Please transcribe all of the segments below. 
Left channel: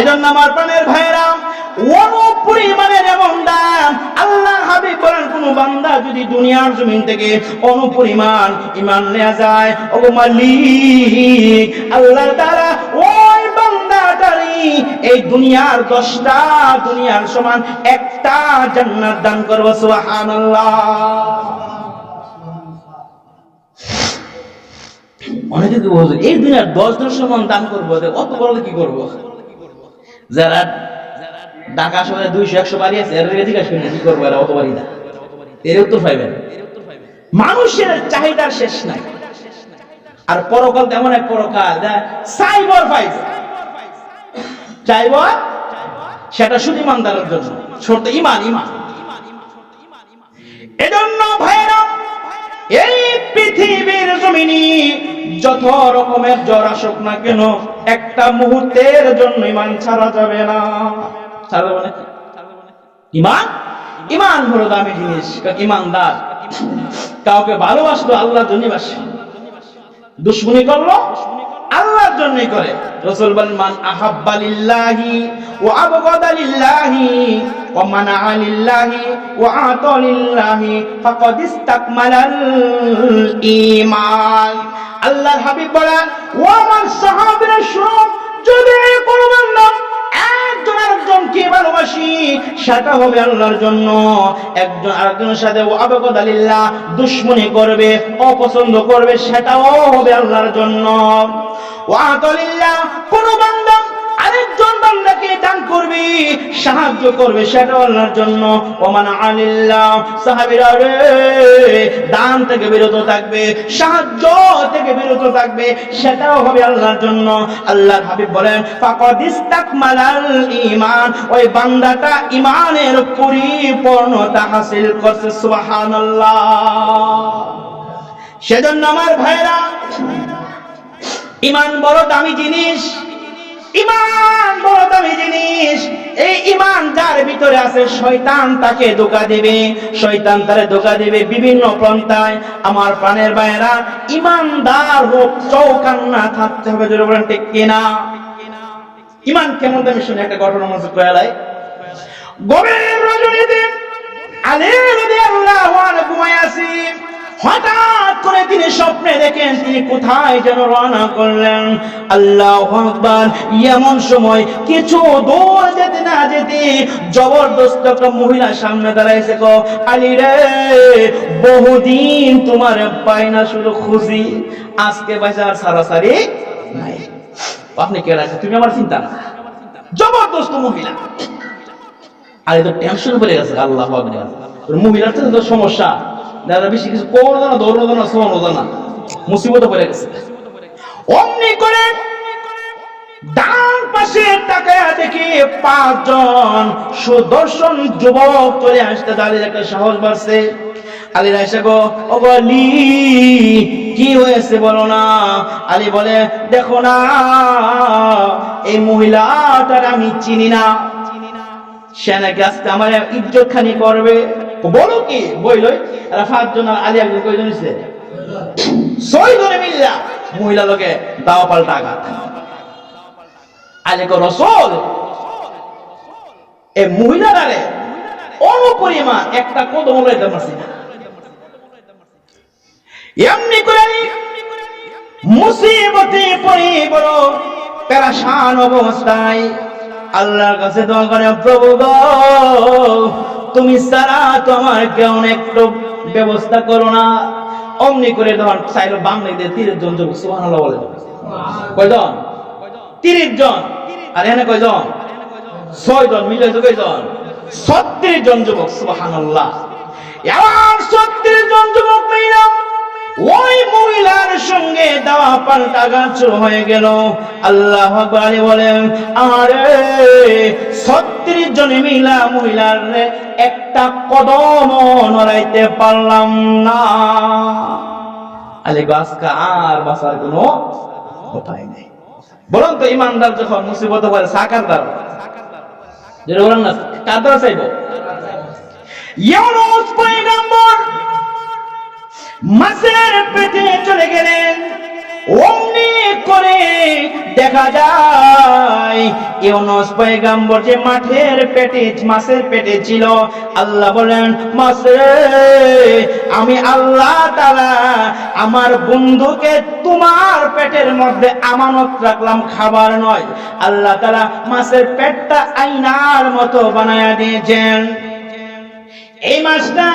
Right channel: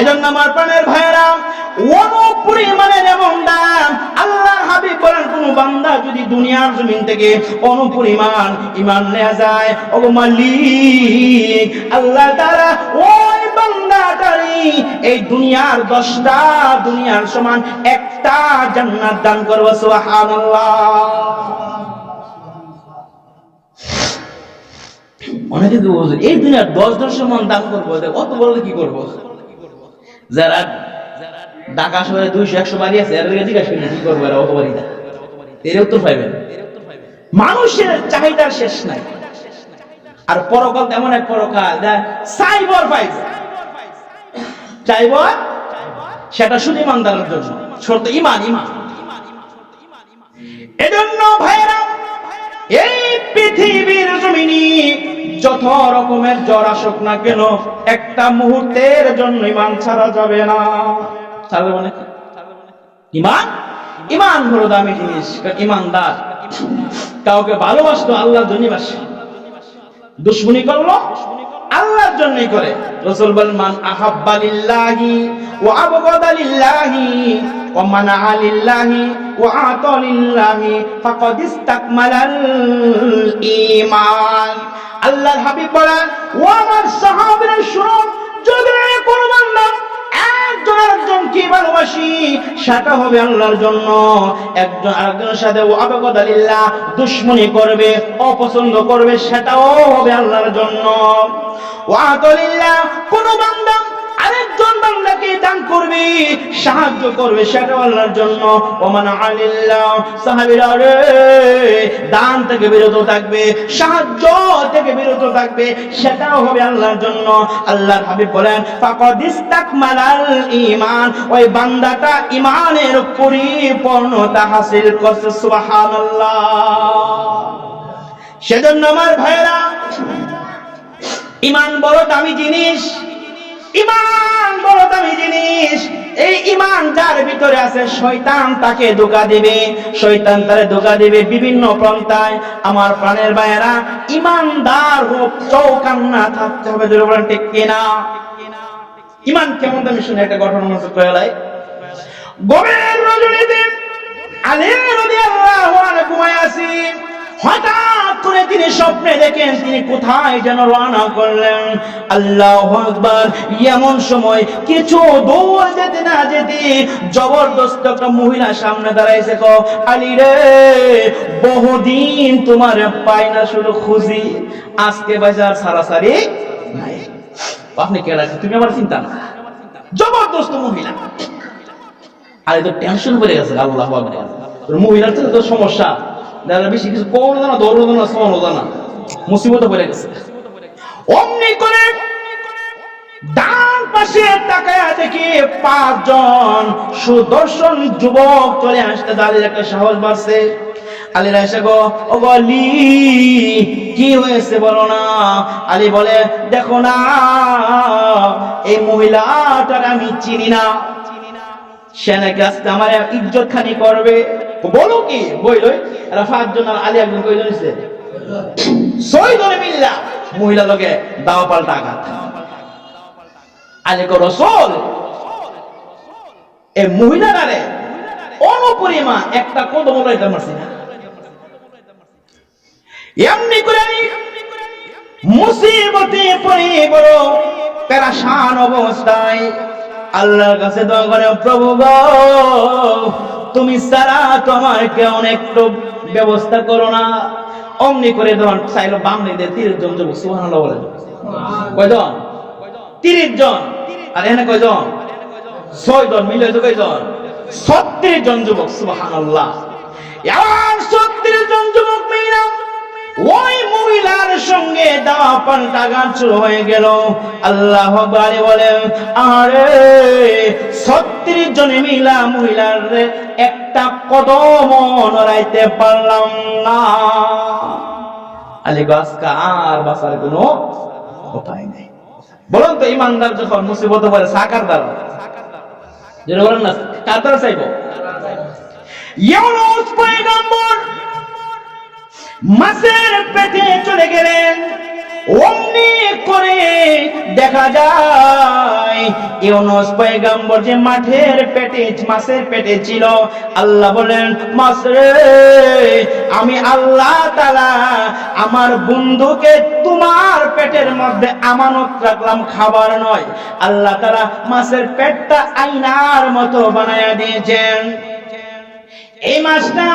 এজন্য আমার প্রাণের ভাইরা অনুপরিমাণের এমন দাম আল্লাহর হাবিব বলেন কোন বান্দা যদি দুনিয়ার জমিন থেকে অনুপরিমাণ ঈমান নিয়ে যায় ওগো মালিক আল্লাহ তাআলা ওই বান্দাটারই এই দুনিয়ার 10টা দুনিয়ার সমান একটা জান্নাত দান করবে সুবহানাল্লাহ। অনেকে কি বলে এই দুনিয়ার 10 সমান দান করবো অত বড় কি করব? যারা ঢাকা শহরে 200-100 বাড়ি আছে এর জিজ্ঞাসা করি কি করবো এরা অত বাড়ি না, এর উত্তর পাইবেন। মানুষের চাহিদার শেষ নাই। আর পরকাল তেমন এক পরকাল সাইবর পাইব চাইব সেটা শুধু ইমানদারের জন্য ছোট ইমান। এজন্য ভাইরা এই পৃথিবীর জমিনে যত রকমের জ্বর আসুক না কেন একটা মুহূর্তের জন্য ইমান ছাড়া যাবে না। ছাড়া যাবে না ইমান বড় দামি জিনিস। ইমানদার কাউকে ভালোবাসতো আল্লাহর জন্যই বাসে, দুশমনি করলো আল্লাহর জন্যই করে। রাসূল বলেন মান আহাব্বা লিল্লাহি ওয়া আবগাদা লিল্লাহি ওয়া মানাআ লিল্লাহি ওয়া আতা লিল্লাহি ফাকাদ ইসতাকমালাল ঈমান। আল্লাহর হাবিব বলেন ও আমার সাহাবীরা শুনো, যদি কোনো বান্দা একজন আরেকজনকে ভালোবাসি সেটা হবে আল্লাহর জন্য, একজন আরেকজনের সাথে আবগাদা লিল্লাহ দুশমনি করবে অপছন্দ করবে সেটাও হবে আল্লাহর জন্য। ওয়া আতা লিল্লাহ কোন বান্দা আরেকজন বান্দাকে দান করবে সাহায্য করবে সেটাও আল্লাহর জন্য। ওমান আলিল্লাহ সাহাবীরা রে দান থেকে বিরত থাকবে সাহায্য থেকে বিরত থাকবে সেটাও হবে আল্লাহর জন্য। আল্লাহর হাবিব বলেন ফাকাদ ইসতাকমালাল ঈমান, ওই বান্দাটা ঈমানের পরিপূর্ণতা হাসিল করছে সুবহানাল্লাহ। সেজন্য আমার ভাইরা ঈমান বড় দামি জিনিস, ঈমান বড় দামি জিনিস। এই ঈমান যার ভিতরে আছে শয়তান তাকে ধোঁকা দিবে, শয়তান তারে ধোঁকা দিবে বিভিন্ন পন্থায়। আমার প্রাণের ভাইয়েরা ঈমানদার হোক চৌকান্না থাকতে হবে, জোরে বলেন ঠিক কিনা? ঈমান কেমন দামি শুনে একটা ঘটনা মনে করালাই। গভীর রজনীতে আলী রাদিয়াল্লাহু আনহু ঘুমায় আছে, হঠাৎ করে তিনি স্বপ্নে দেখেন তিনি কোথায় যেন রওনা করলেন। আল্লাহু আকবার। এমন সময় কিছু দূর যেতে না যেতে জবরদস্ত একটা মহিলা সামনে দাঁড়াইছে, কো আলী রে বহুদিন তোমার পাই না, শুধু খুঁজি, আজকে বাজার সারাসারি নাই। আপনি কে রাখছেন? তুমি আমার চিন্তা না। জবরদস্ত মহিলা। আর তো টেনশন পড়ে গেছে। আল্লাহু আকবার। মহিলার তো সমস্যা, যারা বেশি কিছু করো জানা দৌড়ো জানা শোনো জানা মুসিবতে পড়ে গেছে। অমনি করে ডান পাশে তাকায়া দেখি 5 জন সুদর্শন যুবক চলে আসতে। আলীর একটা সাহস বাড়ছে। আলীর আয়েশা গো ও গলি কি হয়েছে বলো না? আলী বলে দেখো না এই মহিলাটার আমি চিনি না, সে নাকি আজকে আমার ইজ্জত খানি করবে। বলো কি বইলই? এরা 5 জন আর আলী একজন, কয়জন হইছে? 6 জনে মিল্লা মহিলা লোকে দাও পাল্টা আঘাত। আলী কো রাসূল এই মহিলারে অনুপরিমাণ একটা কদম লইতে পারছি না। এমনি করে মুসিবতে পড়ে বড় পেরেশান অবস্থায় আল্লাহর কাছে দোয়া করে, প্রভু গো তুমি সারা তো আমার কেউ একটু ব্যবস্থা করো না। অমনি করে ধন চাইলো বাম দিকে 30 জন যুবক। সুবহানাল্লাহ বলেন। কয়জন? 30 জন। আর এখানে কয়জন? 6 জন মিলে তো কয়জন? 36 জন যুবক। সুবহানাল্লাহ। এমন 36 জন যুবক মিলে ওই মহিলার সঙ্গে দাওয়া পাল্টা গান শুরু হয়ে গেল। আল্লাহু আকবার বলে আরে 36 জন মিলা মহিলার একটা কদম নড়াইতে পারলাম না। আলী গাছকা আর বাঁচার কোনো উপায় নেই। বলুন তো ইমানদার যখন মুসিবতে পড়ে সাকার দ্বারা, যেটা বলেন না কার দ্বারা চাইব? ইউনূস পয়গম্বর মাছের পেটে চলে গেলেন। অমনি করে দেখা যায় ইউনূস পয়গম্বর যে মাঠের পেটে মাছের পেটে ছিল, আল্লাহ বলেন মাছ রে, আমি আল্লাহ তাআলা আমার বন্ধুকে তোমার পেটের মধ্যে আমানত রাখলাম, খাবার নয়। আল্লাহ তাআলা মাছের পেটটা আয়নার মতো বানায়া দিয়েছেন। এই মাছটা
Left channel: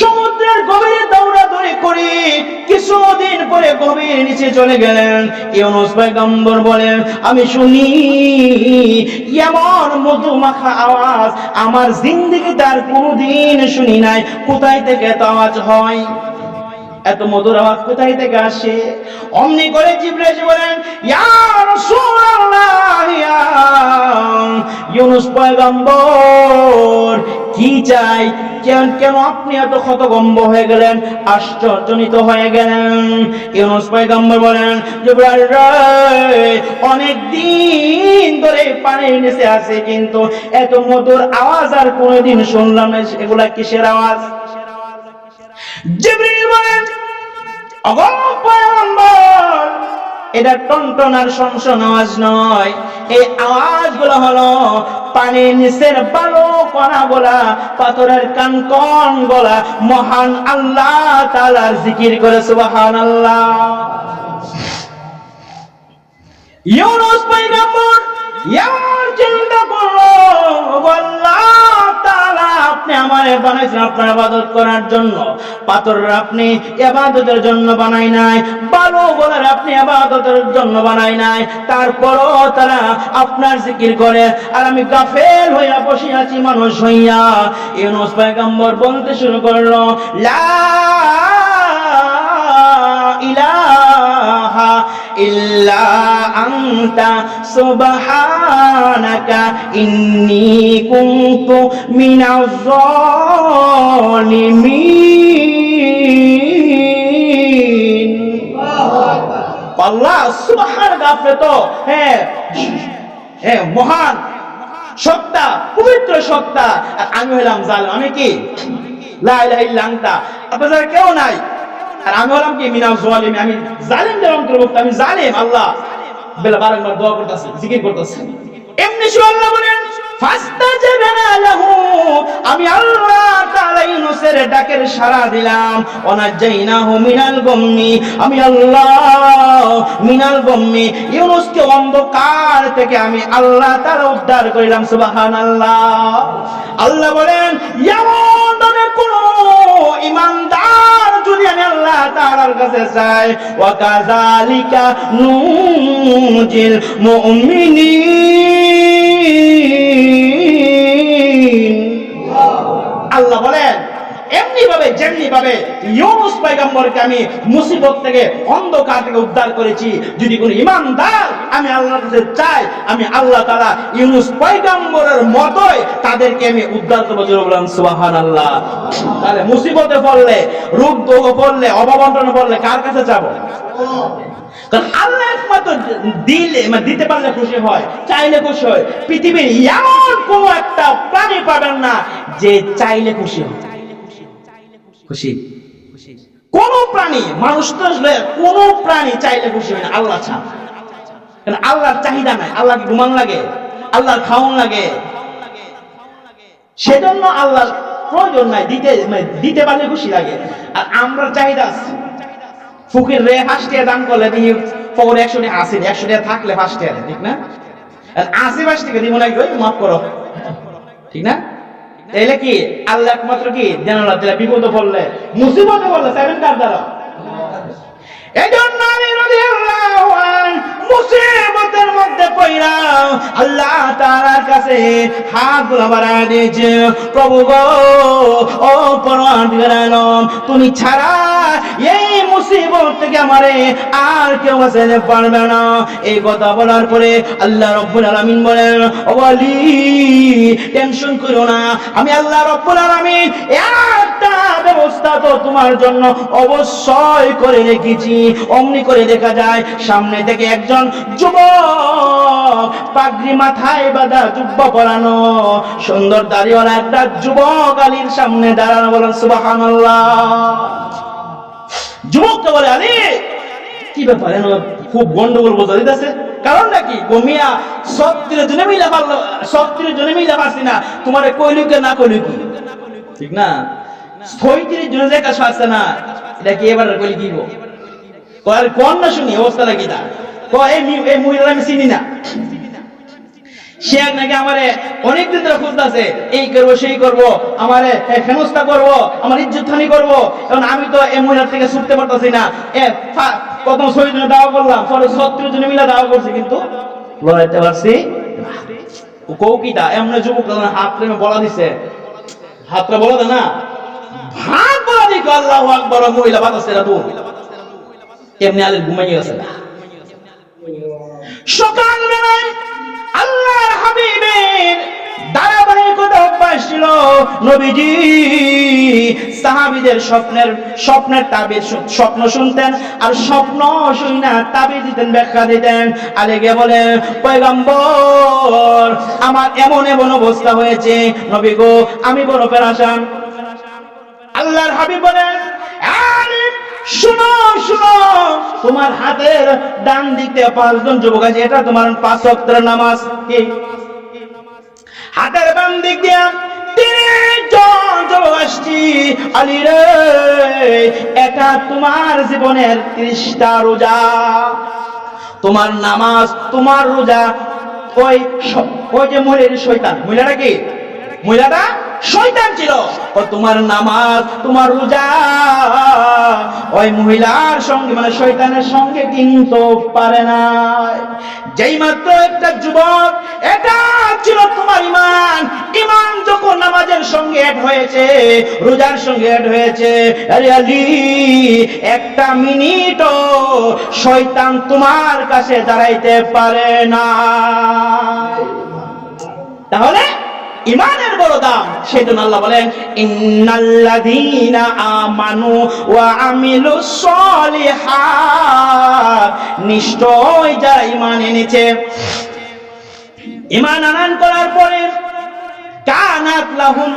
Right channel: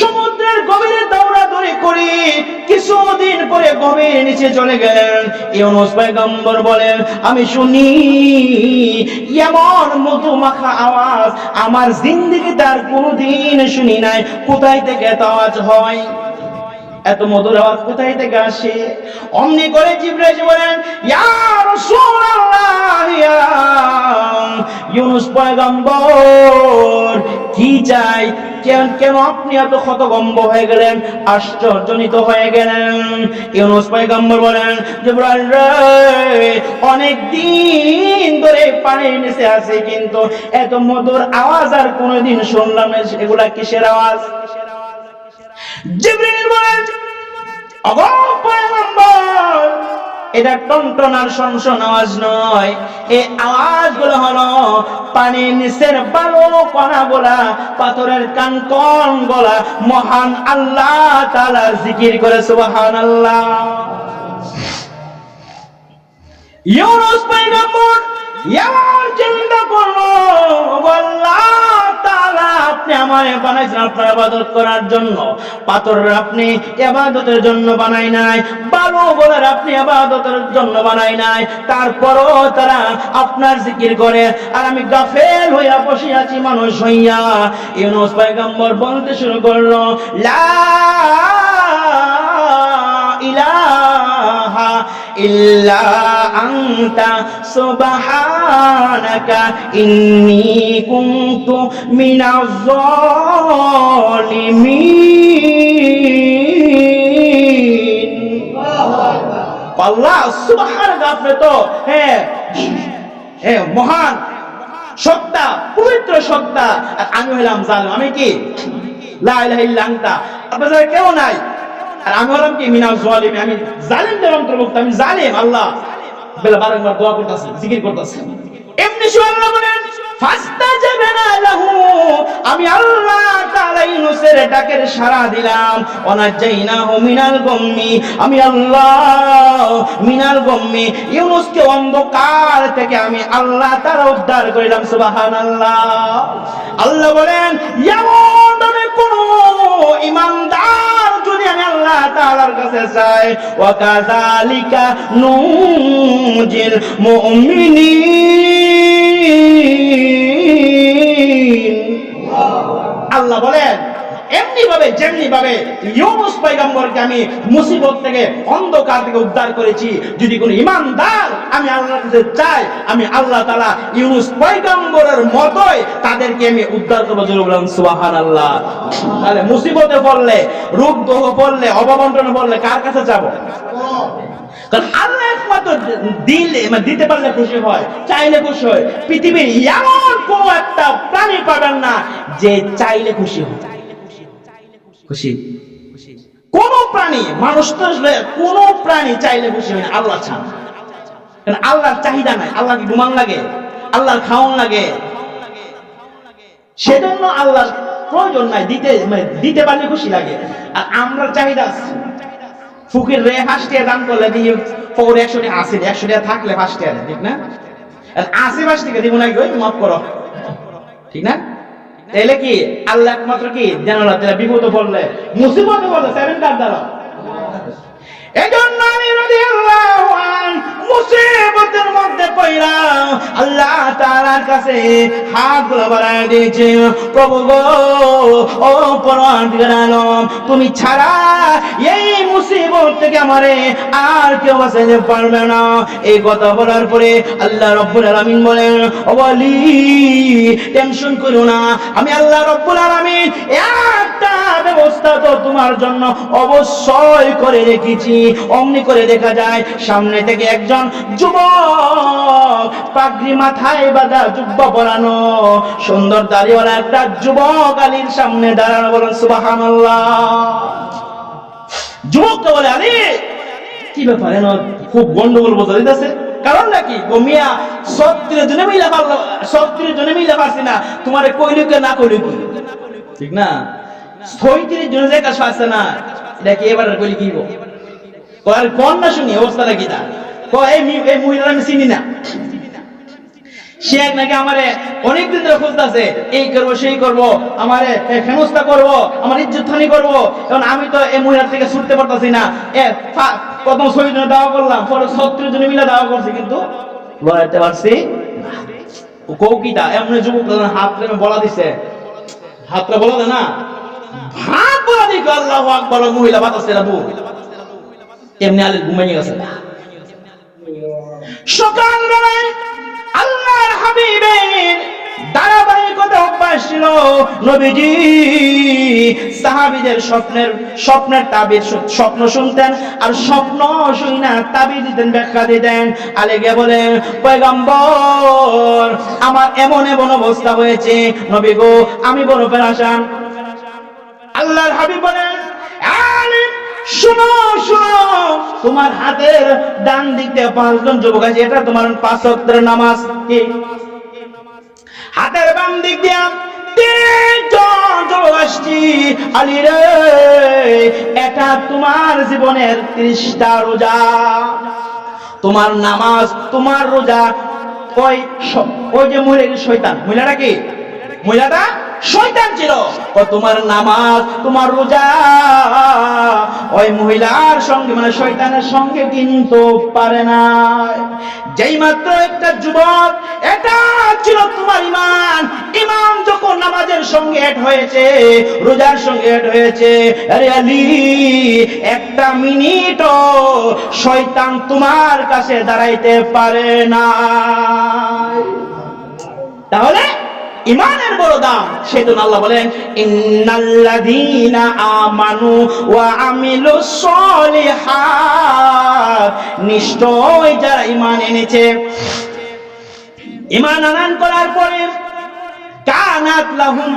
সমুদ্রের গভীরে দৌড়াদৌড়ি করে কিছুদিন পরে গভীর নিচে চলে গেলেন। ইউনূস পয়গম্বর বলেন আমি শুনি এমন মধুমাখা আওয়াজ আমার জিন্দেগিতে আর কোনোদিন শুনি নাই। কোথায় থেকে এত আওয়াজ হয়, এত মধুর আওয়াজ কোথায় থেকে আসে? অমনি করে জিবরাইল এসে বলেন ইয়া রাসূলুল্লাহ, ইয়া ইউনূস পয়গম্বর কি চাই, কেন আপনি এত হতভম্ব হয়ে গেলেন, আশ্চর্যজনিত হয়ে গেলেন? ইউনূস পয়গম্বর বলেন জিবরাইল রে, অনেক দিন ধরে পানির নিচে আছে কিন্তু এত মধুর আওয়াজ আর কোনোদিন শুনলাম না। এগুলা কিসের আওয়াজ? জিবরাইল বলেন ওগো পয়গম্বর, এটা টনটনার শনশন আওয়াজ নয়, এই আওয়াজগুলো হলো পানির নিচের বালু কণাগুলা, পাথরের কানকন গলা মহান আল্লাহ তাআলার জিকির করে সুবহানাল্লাহ। ইউনূস পয়গম্বর এমন চিন্তা করলো, আল্লাহ তাআলা আপনি আমারে বানাইছেন আপনার ইবাদত করার জন্য, পাথর আপনি ইবাদতের জন্য বানাই নাই, বালু বলার আপনি ইবাদতের জন্য বানাই নাই, তারপরও তারা আপনার জিকির করে আর আমি গাফেল হইয়া বসে আছি মানুষ হইয়া। ইউনূস পয়গম্বর বলতে শুরু করলো লা ইলাহা ইল্লা আনতা সুবহানাকা ইন্নী কুনতু মিনাজ জালিমিন। আল্লাহ সুবহানাকা, আপনি তো মহান সত্তা, পবিত্র সত্তা, আর আমি হইলাম জালিম। আমি কি লা ইলাহা ইল্লা আনতা, আপনাদের কেউ নাই, আর আমি হলাম কি মিনাজ জালিমিন, আমি জালিমদের অন্তর্ভুক্ত, আমি জালিম। আল্লাহ বেলা বারংবার দোয়া করতেছে, জিকির করতেছে। এমনি আল্লাহ বলেন ফাস্তাজাবনা লাহু, আমি আল্লাহ তাআলা ইউনূসের ডাকের সাড়া দিলাম। ওয়ানাজাইনাহু মিনাল গাম্মি, আমি আল্লাহ মিনাল গাম্মি, ইউনূসকে অন্ধকার থেকে আমি আল্লাহ তাআলা উদ্ধার করিলাম। সুবহানাল্লাহ। আল্লাহ বলেন এমন ভাবে কোন ঈমানদার যদি আমি আল্লাহ তাআলার কাছে চাই, ওয়া কাযালিকা নুজিল মুমিনিন। আল্লাহ বলেন এমনি ভাবে যেমনি ভাবে ইউনূস পয়গম্বরকে আমি মুসিবত থেকে, অন্ধকার থেকে উদ্ধার করেছি, যদি কোনো ঈমানদার আমি আল্লাহর কাছে চাই, আমি আল্লাহ তাআলা ইউনূস পয়গম্বরের মতোই তাদেরকে আমি উদ্ধার করব। জোরে বলেন সুবহানাল্লাহ। তাহলে মুসিবতে পড়লে, রোগ দোহ পড়লে, অভাব-অনটনে পড়লে কার কাছে যাব? কারণ আল্লাহ একমাত্র দিলে দিতে পারলে খুশি হয়, চাইলে খুশি হয়। পৃথিবীর এমন কোন একটা প্রাণী পাবেন না যে চাইলে খুশি হয়। খুশি কোন প্রাণী, মানুষ তো কোন প্রাণী চাইলে খুশি হয় না, আল্লাহ ছাড়া। কারণ আল্লাহর চাহিদা নাই, আল্লাহকে ঘুমান লাগে, আল্লাহর খাওয়ান লাগে, সেজন্য আল্লাহর প্রয়োজন নাই, দিতে পারলে খুশি লাগে। আর আমরা চাহিদা ফকির রে 5 টাকা দান করলে দিয়ে পকেটে 100 টাকা আসে, 100 টাকা থাকলে 5 টাকা, ঠিক না? আর 80-5 টাকা দিব না, মাফ করো, ঠিক না? তাইলে কি আল্লাহ একমাত্র কি জানালা দিলা, বিপদে পড়লে, মুসিবতে পড়লে 7 কার দ্বারা। এজন্য আলী রাদিয়াল্লাহু আনহু মুসিবতের মধ্যে পড়া আল্লাহ তাআলার কাছে হাতগুলো বাড়ায় দিয়েছে, প্রভু গো, ও পরওয়ারদিগার আলম, তুমি ছাড়া এই মুসিবত থেকে আমারে আর কেউ বাঁচাতে পারবে না। এই কথা বলার পরে আল্লাহ রাব্বুল আলামিন বলেন ও ওয়ালি, টেনশন করো না, আমি আল্লাহ রাব্বুল আলামিন একটা ব্যবস্থা তো তোমার জন্য অবশ্যই করে রেখেছি। অমনি করে দেখা যায় সামনে থেকে একজন যুবক, পাগড়ি মাথায় বাঁধা, জুব্বা পরানো, সুন্দর দাড়িওয়ালা একটা যুবক আলীর সামনে দাঁড়ানো। বলেন সুবহানাল্লাহ। যুবককে বলে আলী কি ব্যাপার এন খুব গন্ডগোল বোঝা দিতেছে, কারণ নাকি কমিয়া 36 জনে মিলে পারছি না, তোমার কইলুকে না কইলুকি, ঠিক না? 36 জনে যে কাজ পারছে না, এটা কি এবার কইলি কি গো? আর কোন না শুনি অবস্থাটা কি তার? এই মহিলার আমি চিনি না, সে এক নাকি আমারে অনেকদিন ধরে খুঁজতেছে, এই করবো সেই করবো, আমারে হেনস্থা করবো, আমার ইজ্জত হানি করবো। এখন আমি তো এই মহিলার থেকে ছুটতে পারতেছি না, প্রথম 6 জনে দাওয়া করলাম, পরে 36 জনে মিলে দাওয়া করছি, কিন্তু লড়াইতে পারছি না। কৌকিটা এমন যুবক হাত রেমে বলা দিছে, হাতটা বলা দেয় না, ভাত বলা দিকে আল্লাহু আকবার, মহিলা বাতাসে দূর, এমনি আলের ঘুমাইয়ে গেছে। সকাল বেলায় আল্লাহর হাবিবের ধারাবাহিকতা অভ্যাস ছিল, নবীজি সাহাবীদের স্বপ্নের তাবির স্বপ্ন শুনতেন, আর স্বপ্ন শুনা তাবির দিতেন, ব্যাখ্যা দিতেন। আলেগে বলে, পয়গম্বর আমার এমন এমন অবস্থা হয়েছে, নবী গো আমি বড় পেরেশান। আল্লাহর হাবিব বলেন, আলিম শুনো শুনো, তোমার হাতের ডান দিক দিয়ে 5 জন যুবক আছে, এটা তোমার 5 ওয়াক্তের নামাজ। কি হাতের বাম দিক দিয়ে 3 জন যুবক আসছি, আলী রে এটা তোমার জীবনের 30টা রোজা, তোমার নামাজ তোমার রোজা। ওই যে মহিলার শয়তান, মহিলাটা কি? মহিলাটা শয়তান ছিল। তোমার নামাজ তোমার রোজা ওই মহিলার সঙ্গে মানে শয়তানের সঙ্গে কিন্তু পারে না। যেই মাত্র একটা যুবক, এটা ছিল তোমার ইমান, ইমান যখন নামাজের সঙ্গে অ্যাড হয়েছে, রোজার সঙ্গে অ্যাড হয়েছে, আরে আলী 1 মিনিটও শয়তান তোমার কাছে দাঁড়াইতে পারে না। তাহলে ইমানের বড় দাম, সেজন্য আল্লাহ বলেন, ইন্নাল্লাযীনা আমানু ওয়া আমিলুস সলিহাত, নিশ্চয় যারা ঈমান এনেছে, ঈমান আনয়ন করার পরে, কানাত লাহুম,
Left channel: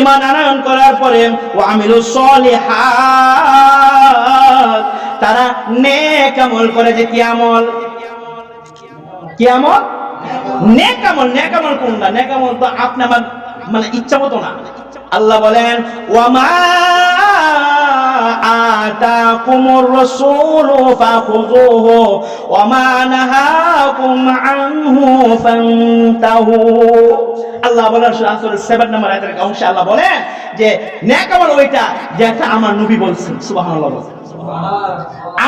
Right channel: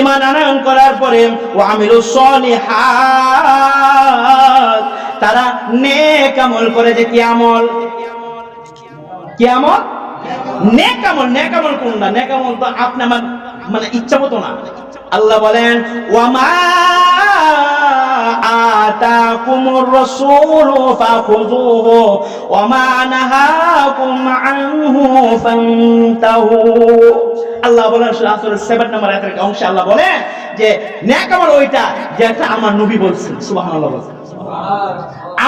ঈমান আনয়ন করার পরে, ওয়া আমিলুস সলিহাত, তারা নেক আমল করে। যে কি আমল? কি আমল? নেক আমল। নেক আমল কোনটা? নেক আমল তো আপনি আমার মানে ইচ্ছা মতো না। আল্লাহ বলেন, ওয়ামা আতাকুমুর রাসূলু ফাখুযুহু ওয়ামা নাহাকুম আনহু ফান্তাহু। আল্লাহ বলেন সূরা আসরের 7 নম্বর আয়াতের অংশে আল্লাহ বলেন যে নেক আমল ওইটা যেটা আমার নবী বলছেন। সুবহানাল্লাহ বলেন,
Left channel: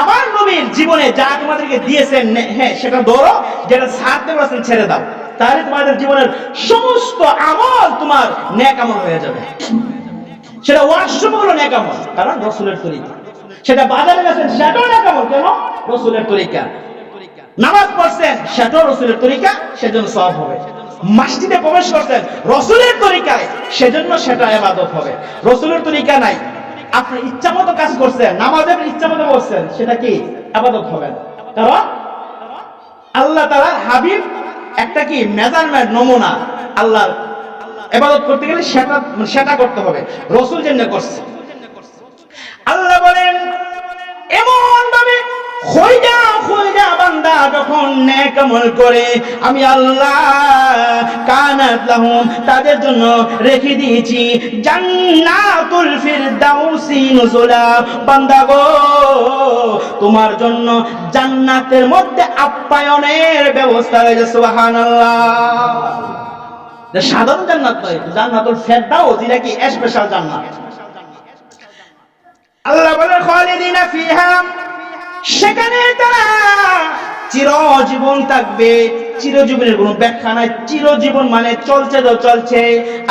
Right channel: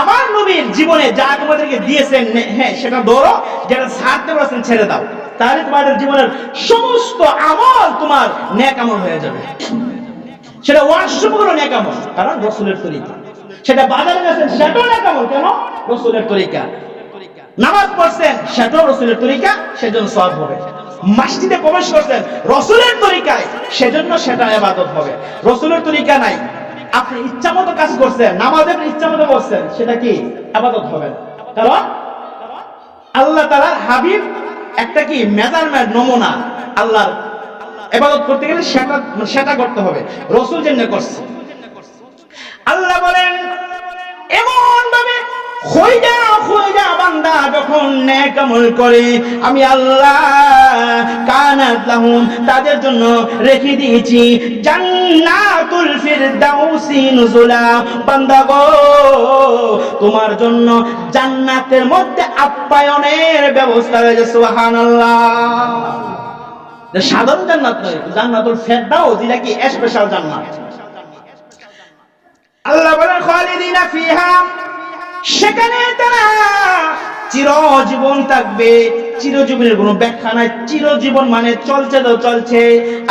আমার নবীর জীবনে যা তোমাদেরকে দিয়েছেন, হ্যাঁ সেটা ধরো, যেটা ছাড়তে বলেছেন ছেড়ে দাও, তাহলে তোমাদের জীবনের সমস্ত আমল তোমার নেক আমল হয়ে যাবে। সেটা ওয়াশরুম হলো নেক আমল, কারণ রাসূলের তরিকা। সেটা বাজারে গেছেন, সেটাও নেক আমল, কেন? রাসূলের তরিকা। নামাজ পড়ছেন, সেটাও রাসূলের তরিকা, সেজন্য সওয়াব হবে। মসজিদে প্রবেশ করছেন রাসূলের তরিকায়, সেজন্য সেটা ইবাদত হবে। রাসূলের তরিকা নাই, আপনি ইচ্ছা মতো কাজ করছেন, নামাজে ইচ্ছা মতো করছেন, সেটা কি? ইবাদত হবে। কারণ আল্লাহ তাআলার হাবিব একটা কি মেজারমেন্ট, নমুনা। আল্লাহর ইবাদত করতে গেলে সেটা করতে হবে, রাসূল যেমন করছে। আল্লাহ বলেন, এমন ভাবে খোঁজা বান্দা যখন নেক আমল করে, আমি আল্লাহ কানাত লাহুম, তাদের জন্য রেখে দিয়েছি জান্নাতুল ফিরদাউসি নুজুলা। বান্দা গো, তোমার জন্য জান্নাতের মধ্যে আপ্যায়নের ব্যবস্থা রয়েছে। সুবহানাল্লাহ। সাধারণ জান্নাত নয়, জান্নাতুল ফিরদাউস, যেটা কি স্পেশাল জান্নাত। আল্লাহ বলেন, খালিদিনা ফিহা, সেখানে তারা চিরজীবন থাকবে। চিরজীবনের কোনো ব্যাখ্যা নাই, চিরজীবন মানে চলছে তো চলছে।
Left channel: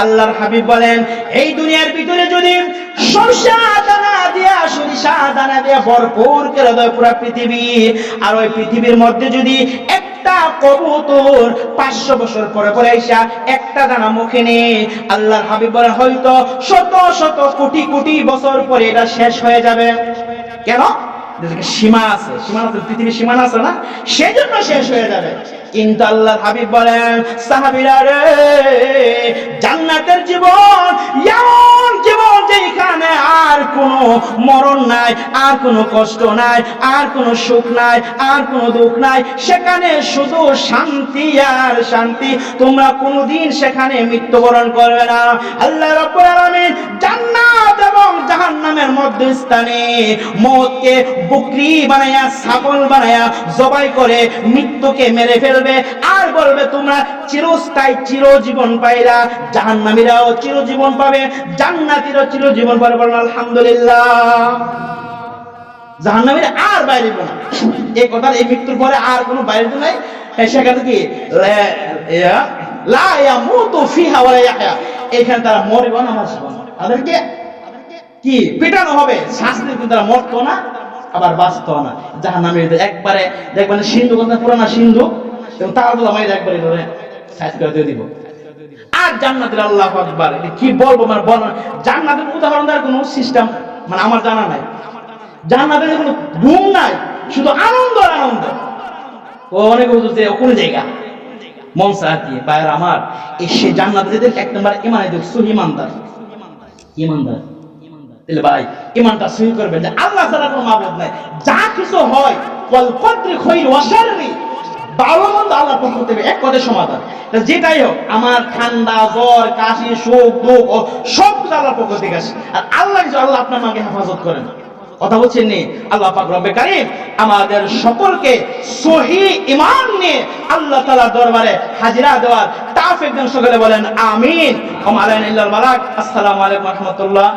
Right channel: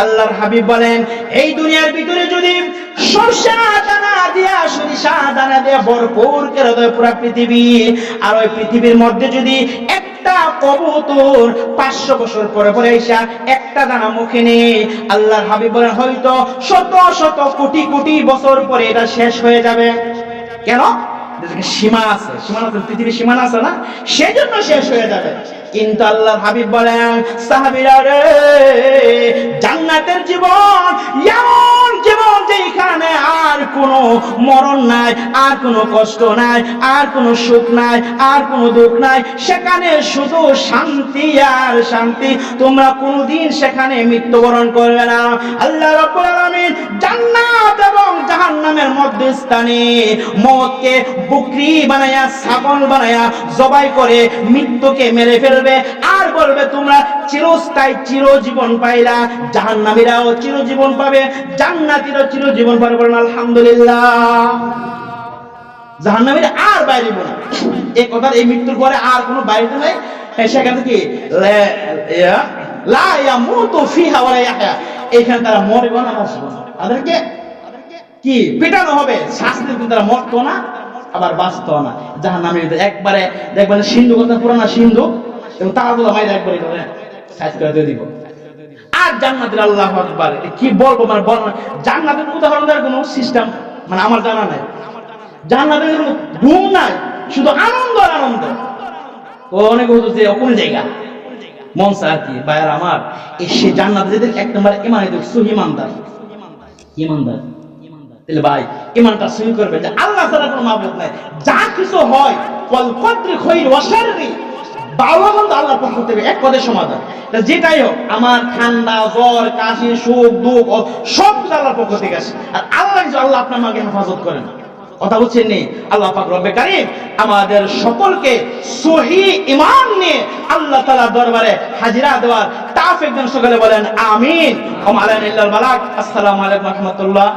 আল্লাহর হাবিব বলেন, এই দুনিয়ার ভিতরে যদি সরষা দানা দিয়া, সরিষা দানা দিয়া ভরপুর করে দেয় পুরা পৃথিবী, আর ওই পৃথিবীর মধ্যে যদি একটা কবুতর 500 বছর পরে পরে আইসা একটা দানা মুখে নেয়, আল্লাহর হাবিব বলেন হয়তো শত শত কোটি কোটি বছর পরে এটা শেষ হয়ে যাবে। কেন? সীমা আছে, পৃথিবীর সীমানা আছে না, সেজন্য শেষ হয়ে যাবে। কিন্তু আল্লাহর হাবিব বলেন, সাহাবীরা রে, জান্নাতের জীবন এমন জীবন, যে সেইখানে আর কোনো মরণ নাই, আর কোনো কষ্ট নাই, আর কোনো সুখ নাই, আর কোনো দুঃখ নাই, সেখানে শুধু শান্তি আর শান্তি। তোমরা কোনোদিন সেখানে মৃত্যুবরণ করবে না। আল্লাহ রাব্বুল আলামিন জান্নাত এবং জাহান্নামের মধ্যস্থানে মওতকে বকরি বানায়া, ছাগল বানায়া জবাই করে মৃত্যুকে মেরে ফেলবে, আর বলবে তোমরা চিরস্থায়ী চিরজীবন পাইলা। জাহান্নামীরাও চিরজীবন পাবে, জান্নাতীরাও চিরজীবন পাবে। বলেন আলহামদুলিল্লাহ। জাহান্নামীরা আর বাইরে না, এই কথার এই মৃত্যুর পরে আর কোনো বাইরে নাই। সেখানে কি লা ইয়ামুতু ফিহা ওয়া লা ইয়াহয়া, এখানে তারা মরবে না, বাঁচবে না। তাদেরকে কি পিটানো হবে, শাস্তি, কিন্তু তারা মরতো না আবার বাঁচতো না। জাহান্নামী একবারে দেখবেন সিন্ধুক, পুরানা সিন্ধুক এবং তাগুলা মাইরা একবারে সাইজ করে দিব। আর জান্নাতের আল্লাহু আকবার, কি বলবো, মানে জান্নাতের উদাহরণ দেওয়ার কোনো সিস্টেম মানে আমার জানা নাই। জান্নাতের কোনো ঘুম নাই, শুধু আনন্দ আর আনন্দ। ও অনেকে বলতো যে কোন জায়গা মন চায় বাইরে আমার এসে জান্নাতে যেতে এক নম্বর ইমানে দেখ সহি ইমানদার, ইমানদার তাহলে ভাই ইমানটা সহি করবেন যে আল্লাহ ছাড়া কোনো মাবুদ নাই। যা কিছু হয় ওয়াল কদরি খায়র ওয়া শাররি, ভালো মন্দ আল্লাহর পক্ষ থেকে, এক কথায় সমাধান। যেটাই হোক, আমার ঠান্ডা জ্বর কাশি সুখ দুঃখ সব কিছু আল্লাহর পক্ষ থেকে আসে। আর আল্লাহ আপনার মাকে হেফাজত করেন। কথা বলছেন নি? আল্লাহ পাক রব্বে কারীম আমাদের সকলকে সহি ঈমান নিয়ে আল্লাহ তাআলার দরবারে হাজিরা দেওয়ার তৌফিক দান। সকলে বলেন আমিন। ওয়া আলাইনা ইল্লাল বালাগ। আসসালামু আলাইকুম ওয়া রাহমাতুল্লাহ।